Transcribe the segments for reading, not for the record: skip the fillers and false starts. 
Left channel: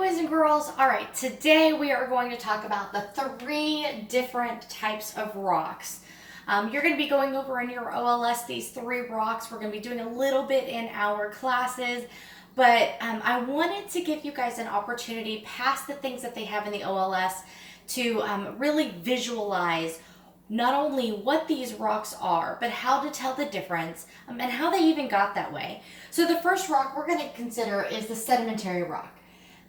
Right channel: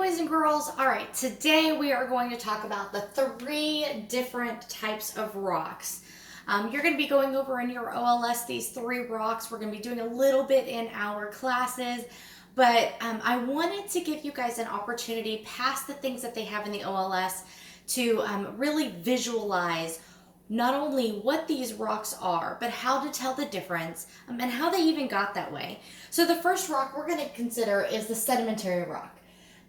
boys and girls. All right, today we are going to talk about the three different types of rocks. You're going to be going over in your OLS these three rocks. We're going to be doing a little bit in our classes, but I wanted to give you guys an opportunity past the things that they have in the OLS to really visualize not only what these rocks are, but how to tell the difference and how they even got that way. So the first rock we're going to consider is the sedimentary rock.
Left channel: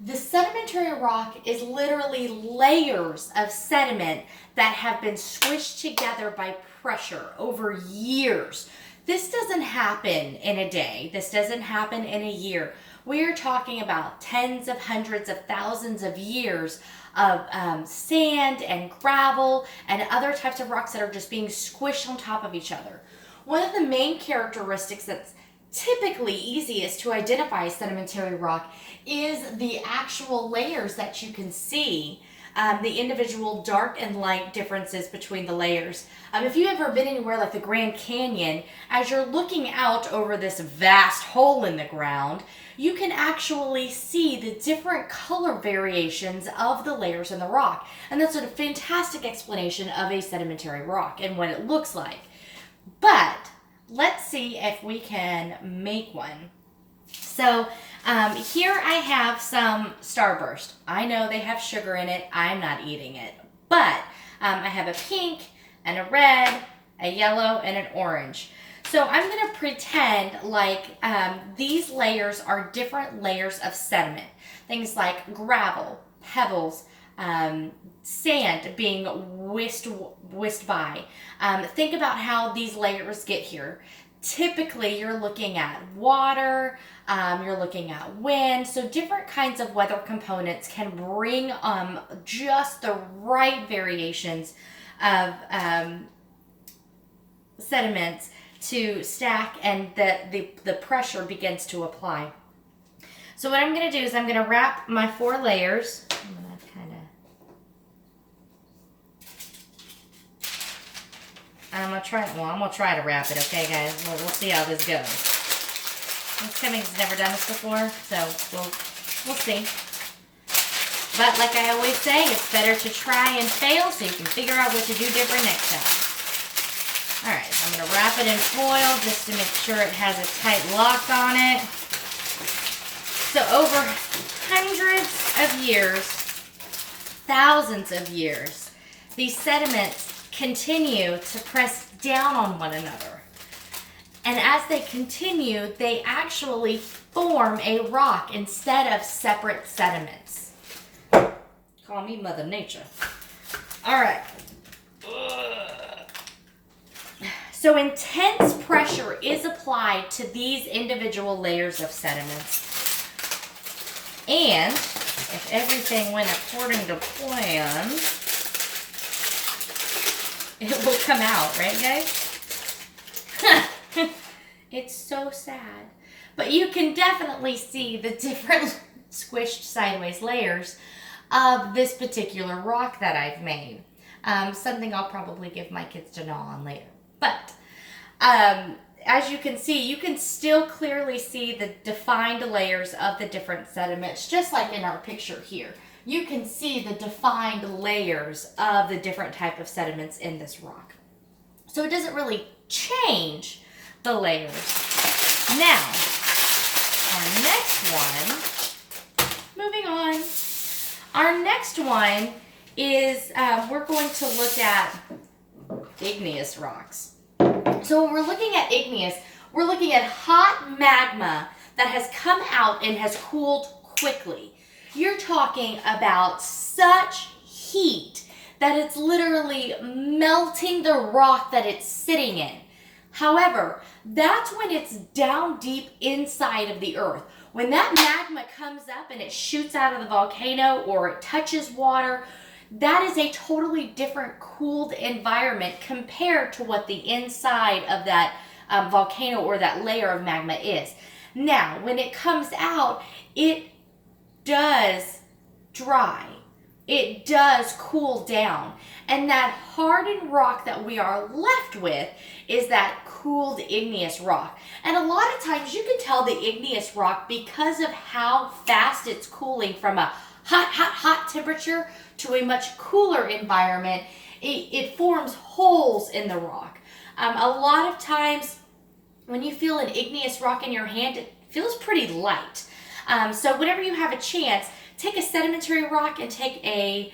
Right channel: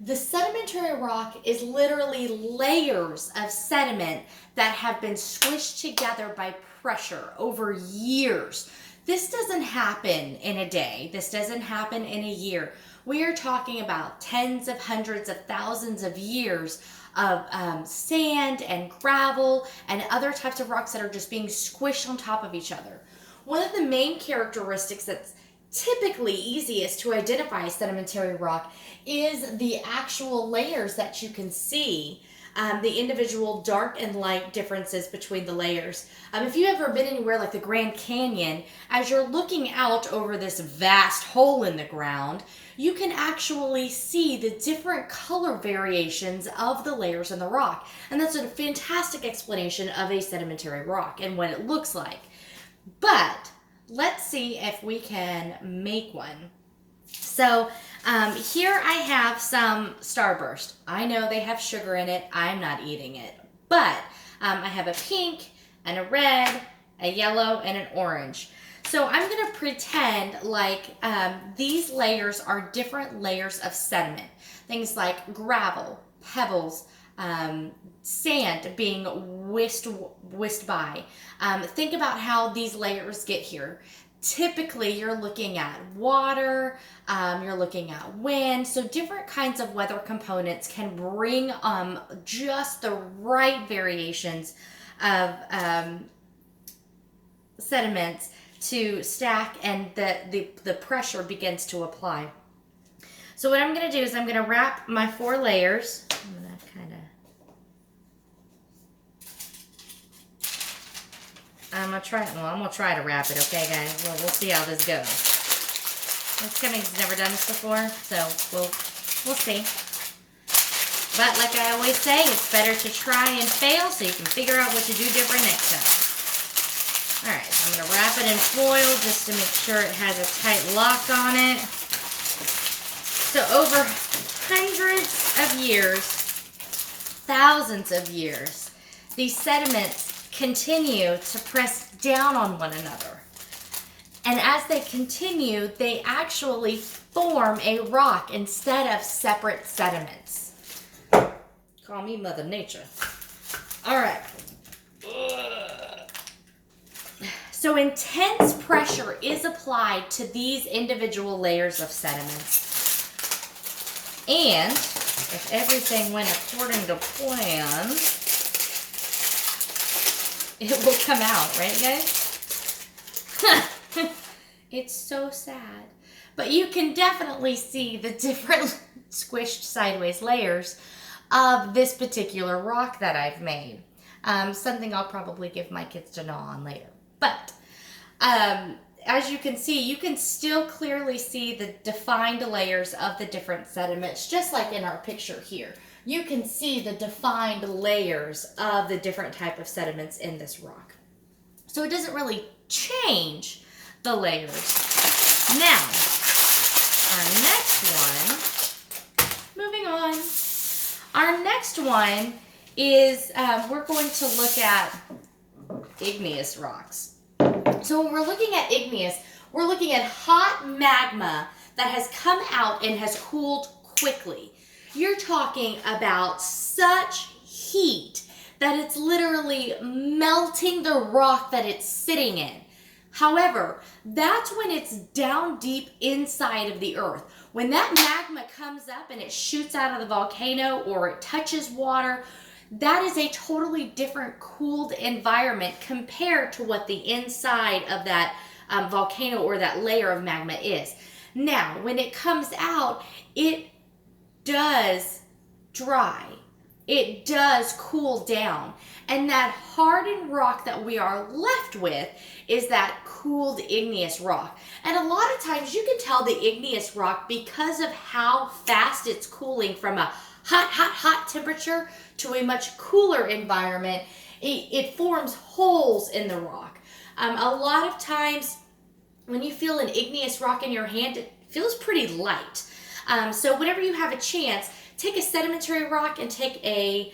The sedimentary rock is literally layers of sediment that have been squished together by pressure over years. This doesn't happen in a day. This doesn't happen in a year. We are talking about tens of hundreds of thousands of years of sand and gravel and other types of rocks that are just being squished on top of each other. One of the main characteristics that's typically easiest to identify sedimentary rock is the actual layers that you can see, the individual dark and light differences between the layers. If you've ever been anywhere like the Grand Canyon, as you're looking out over this vast hole in the ground, you can actually see the different color variations of the layers in the rock. And that's a fantastic explanation of a sedimentary rock and what it looks like. But let's see if we can make one. So here I have some Starburst. I know they have sugar in it. I'm not eating it. But I have a pink and a red, a yellow, and an orange. So I'm going to pretend like these layers are different layers of sediment. Things like gravel, pebbles, sand being whisked by. Think about how these layers get here. Typically, you're looking at water, you're looking at wind, so different kinds of weather components can bring just the right variations of sediments to stack, and the pressure begins to apply. So what I'm going to do is I'm going to wrap my four layers. I'm going to I'm gonna try to wrap it, okay, guys? We'll see how this goes. Miss Cummings has never done this before, so we'll see. But like I always say, it's better to try and fail so you can figure out what to do different next time. All right, so I'm gonna wrap it in foil just to make sure it has a tight lock on it. So over hundreds of years, thousands of years, these sediments continue to press down on one another. And as they continue, they actually form a rock instead of separate sediments. Call me Mother Nature. All right. So intense pressure is applied to these individual layers of sediments. And if everything went according to plan, it will come out, right, guys? It's so sad. But you can definitely see the different squished sideways layers of this particular rock that I've made. Something I'll probably give my kids to gnaw on later. But as you can see, you can still clearly see the defined layers of the different sediments, just like in our picture here. You can see the defined layers of the different type of sediments in this rock. So it doesn't really change the layers. Now, our next one, moving on. Our next one is, we're going to look at igneous rocks. So when we're looking at igneous, we're looking at hot magma that has come out and has cooled quickly. You're talking about such heat that it's literally melting the rock that it's sitting in. However, that's when it's down deep inside of the earth. When that magma comes up and it shoots out of the volcano or it touches water, that is a totally different cooled environment compared to what the inside of that volcano or that layer of magma is. Now, when it comes out, it does dry. It does cool down. And that hardened rock that we are left with is that cooled igneous rock. And a lot of times you can tell the igneous rock because of how fast it's cooling from a hot temperature to a much cooler environment. It forms holes in the rock. A lot of times when you feel an igneous rock in your hand, it feels pretty light. So whenever you have a chance, take a sedimentary rock and take a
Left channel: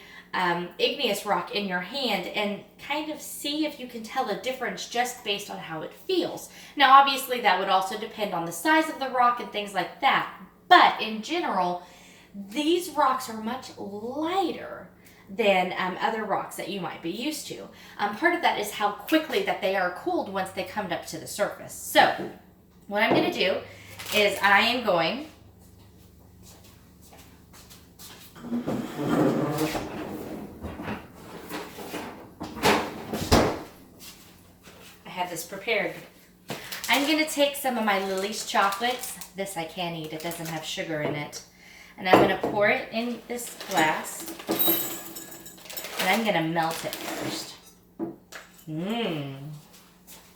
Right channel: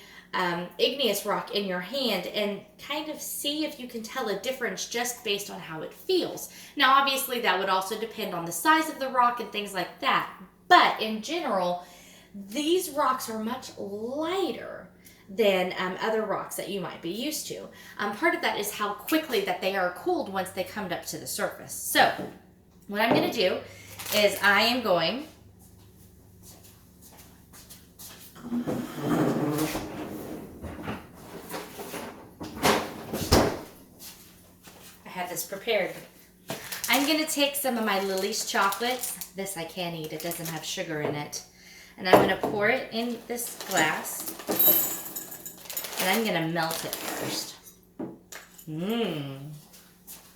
igneous rock in your hand and kind of see if you can tell a difference just based on how it feels. Now, obviously, that would also depend on the size of the rock and things like that. But in general, these rocks are much lighter than other rocks that you might be used to. Part of that is how quickly that they are cooled once they come up to the surface. So what I'm going to do is I am going I have this prepared. I'm going to take some of my Lily's chocolates. This I can't eat. It doesn't have sugar in it. And I'm going to pour it in this glass. And I'm going to melt it first.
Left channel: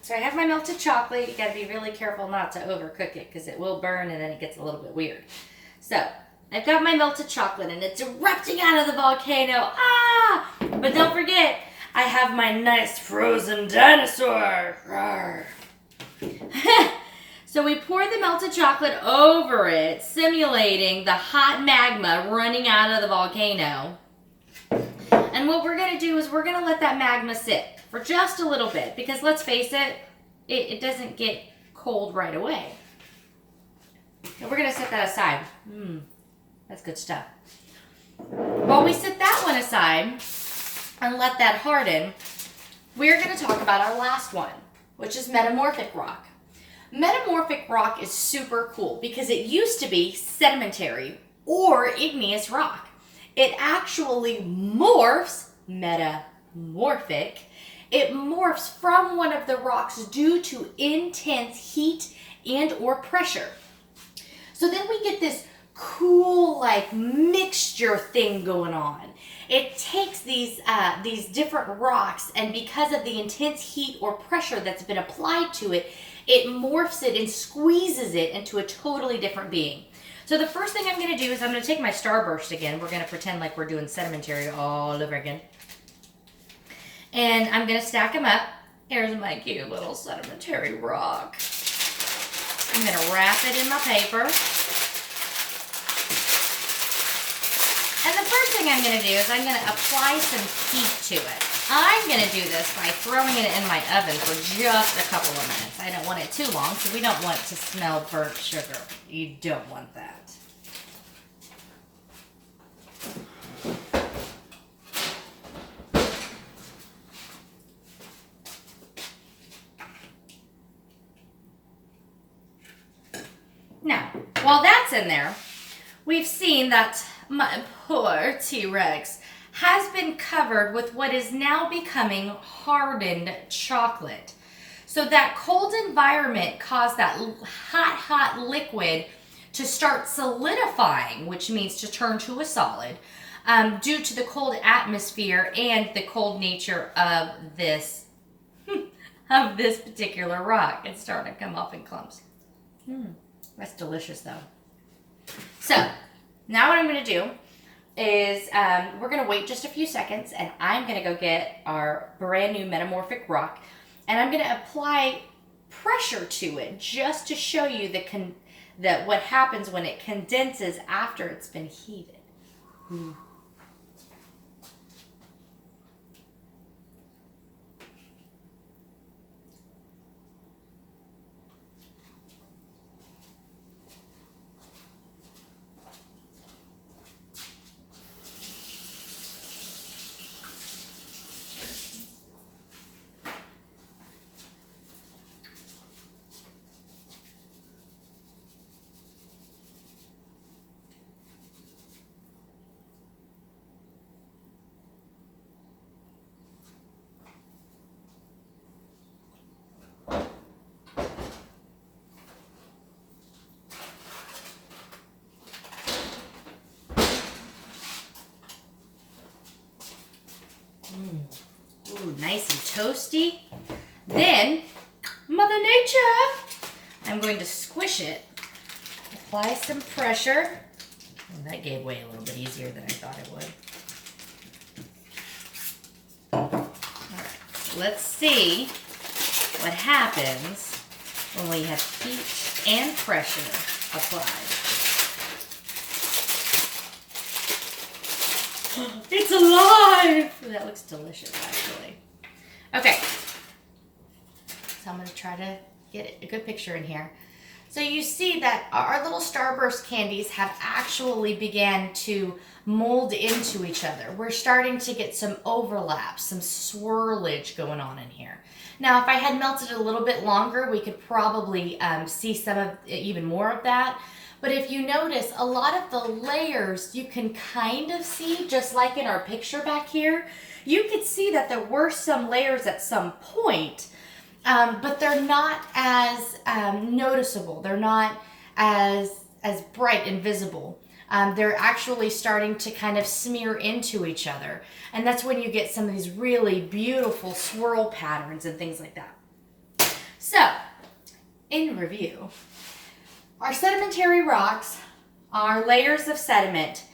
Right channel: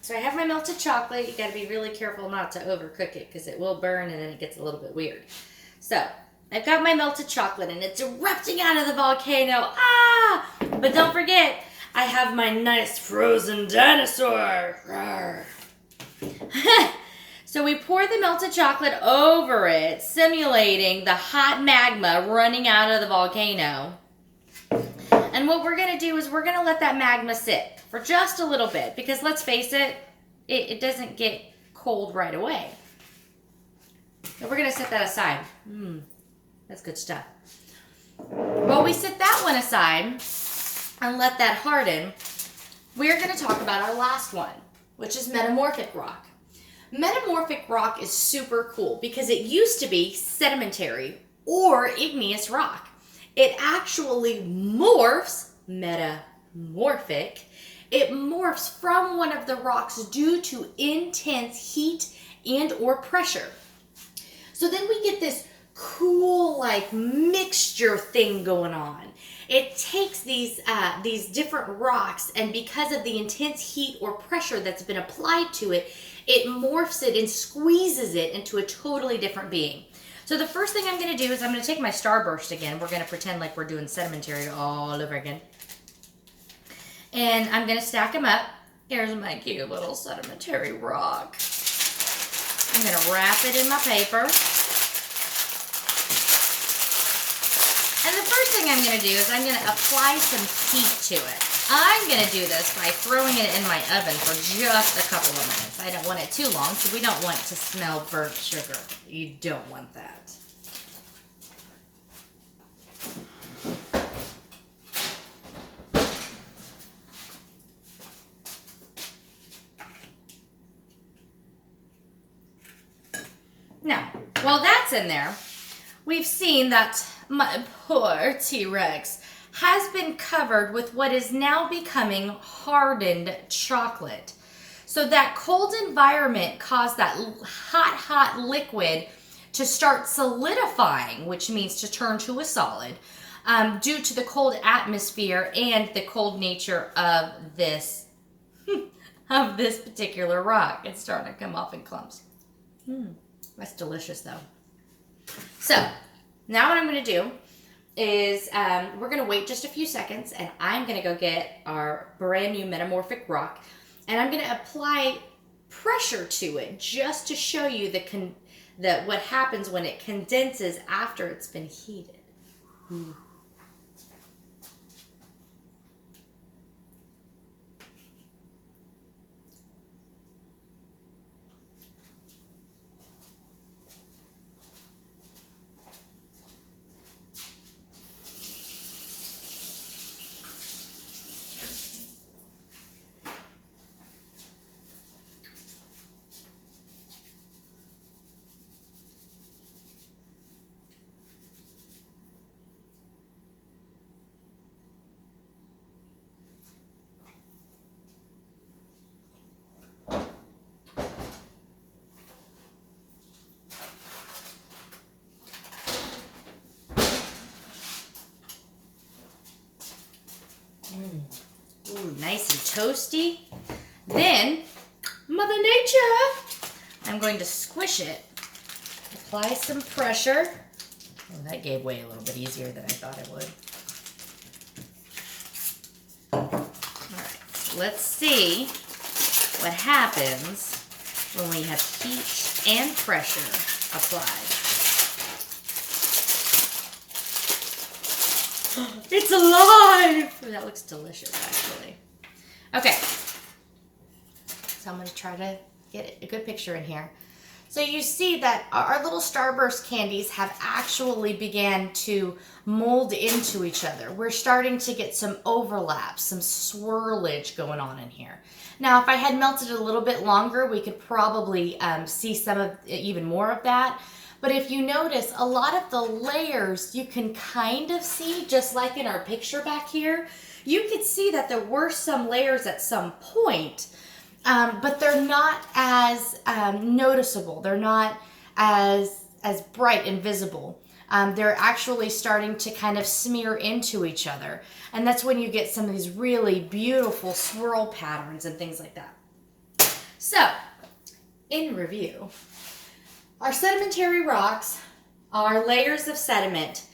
So I have my melted chocolate. You got to be really careful not to overcook it because it will burn and then it gets a little bit weird. So I've got my melted chocolate and it's erupting out of the volcano. Ah! But don't forget, I have my nice frozen dinosaur. So we pour the melted chocolate over it, simulating the hot magma running out of the volcano. And what we're going to do is we're going to let that magma sit for just a little bit because let's face it, it doesn't get cold right away. So we're going to set that aside. That's good stuff. While we set that one aside and let that harden, we're going to talk about our last one, which is metamorphic rock. Metamorphic rock is super cool because it used to be sedimentary or igneous rock. It actually morphs, metamorphic, it morphs from one of the rocks due to intense heat and or pressure. So then we get this cool like mixture thing going on. It takes these different rocks, and because of the intense heat or pressure that's been applied to it, it morphs it and squeezes it into a totally different being. So the first thing I'm going to do is I'm going to take my Starburst again. We're going to pretend like we're doing sedimentary all over again. And I'm going to stack them up. Here's my cute little sedimentary rock. I'm going to wrap it in my paper. And the first thing I'm going to do is I'm going to apply some heat to it. I'm going to do this by throwing it in my oven for just a couple of minutes. I don't want it too long, so we don't want to smell burnt sugar. You don't want that. Now, while that's in there, we've seen that my poor T-Rex has been covered with what is now becoming hardened chocolate. So that cold environment caused that hot liquid to start solidifying, which means to turn to a solid, due to the cold atmosphere and the cold nature of this particular rock. It's starting to come off in clumps. That's delicious though. So now what I'm going to do is we're going to wait just a few seconds and I'm going to go get our brand new metamorphic rock and I'm going to apply pressure to it just to show you what happens when it condenses after it's been heated. Ooh, nice and toasty. Then Mother Nature. I'm going to squish it. Apply some pressure. Oh, that gave way a little bit easier than I thought it would. All right, so let's see what happens when we have heat and pressure applied. It's alive! That looks delicious, actually. Okay, so I'm going to try to get a good picture in here. So you see that our little Starburst candies have actually began to mold into each other. We're starting to get some overlap, some swirlage going on in here. Now, if I had melted it a little bit longer, we could probably see some of even more of that. But if you notice, a lot of the layers you can kind of see, just like in our picture back here, you could see that there were some layers at some point. But they're not as noticeable. They're not as bright and visible. They're actually starting to kind of smear into each other. And that's when you get some of these really beautiful swirl patterns and things like that. So, in review, our sedimentary rocks are layers of sediment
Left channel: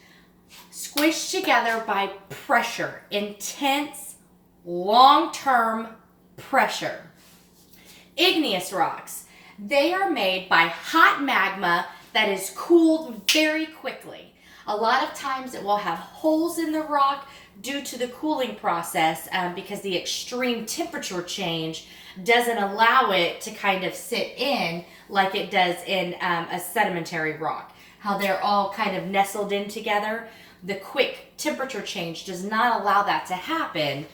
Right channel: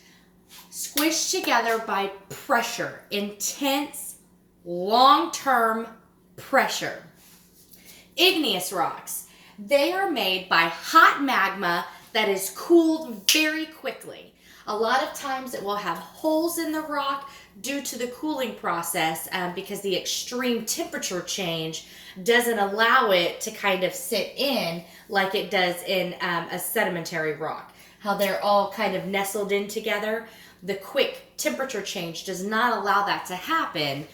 squished together by pressure, intense, long-term pressure. Igneous rocks, they are made by hot magma that is cooled very quickly. A lot of times it will have holes in the rock due to the cooling process because the extreme temperature change doesn't allow it to kind of sit in like it does in a sedimentary rock. How they're all kind of nestled in together. The quick temperature change does not allow that to happen.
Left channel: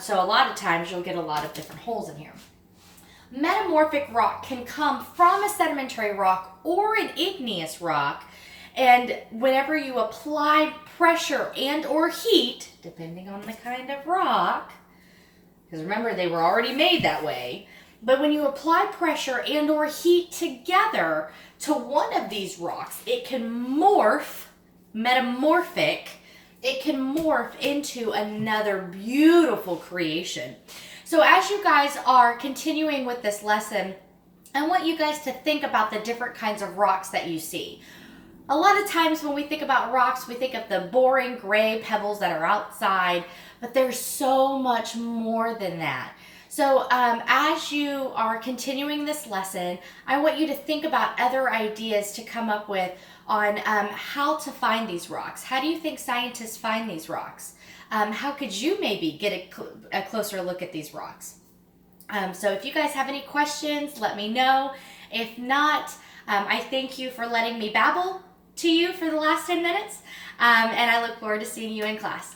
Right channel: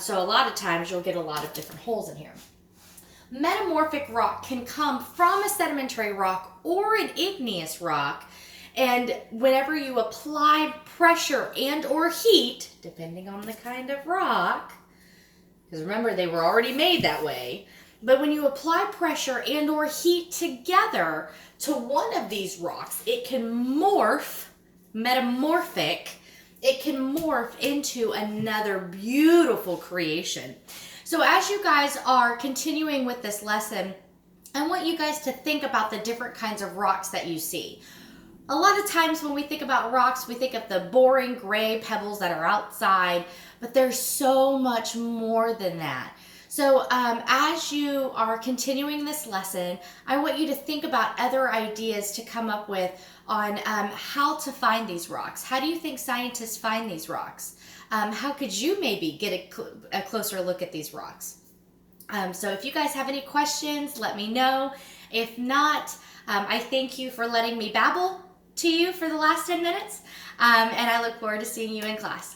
So a lot of times you'll get a lot of different holes in here. Metamorphic rock can come from a sedimentary rock or an igneous rock, and whenever you apply pressure and or heat, depending on the kind of rock, because remember they were already made that way, but when you apply pressure and or heat together to one of these rocks, it can morph, metamorphic, it can morph into another beautiful creation. So as you guys are continuing with this lesson, I want you guys to think about the different kinds of rocks that you see. A lot of times when we think about rocks, we think of the boring gray pebbles that are outside, but there's so much more than that. So as you are continuing this lesson, I want you to think about other ideas to come up with on how to find these rocks. How do you think scientists find these rocks? How could you maybe get a closer look at these rocks? So if you guys have any questions, let me know. If not, I thank you for letting me babble to you for the last 10 minutes, and I look forward to seeing you in class.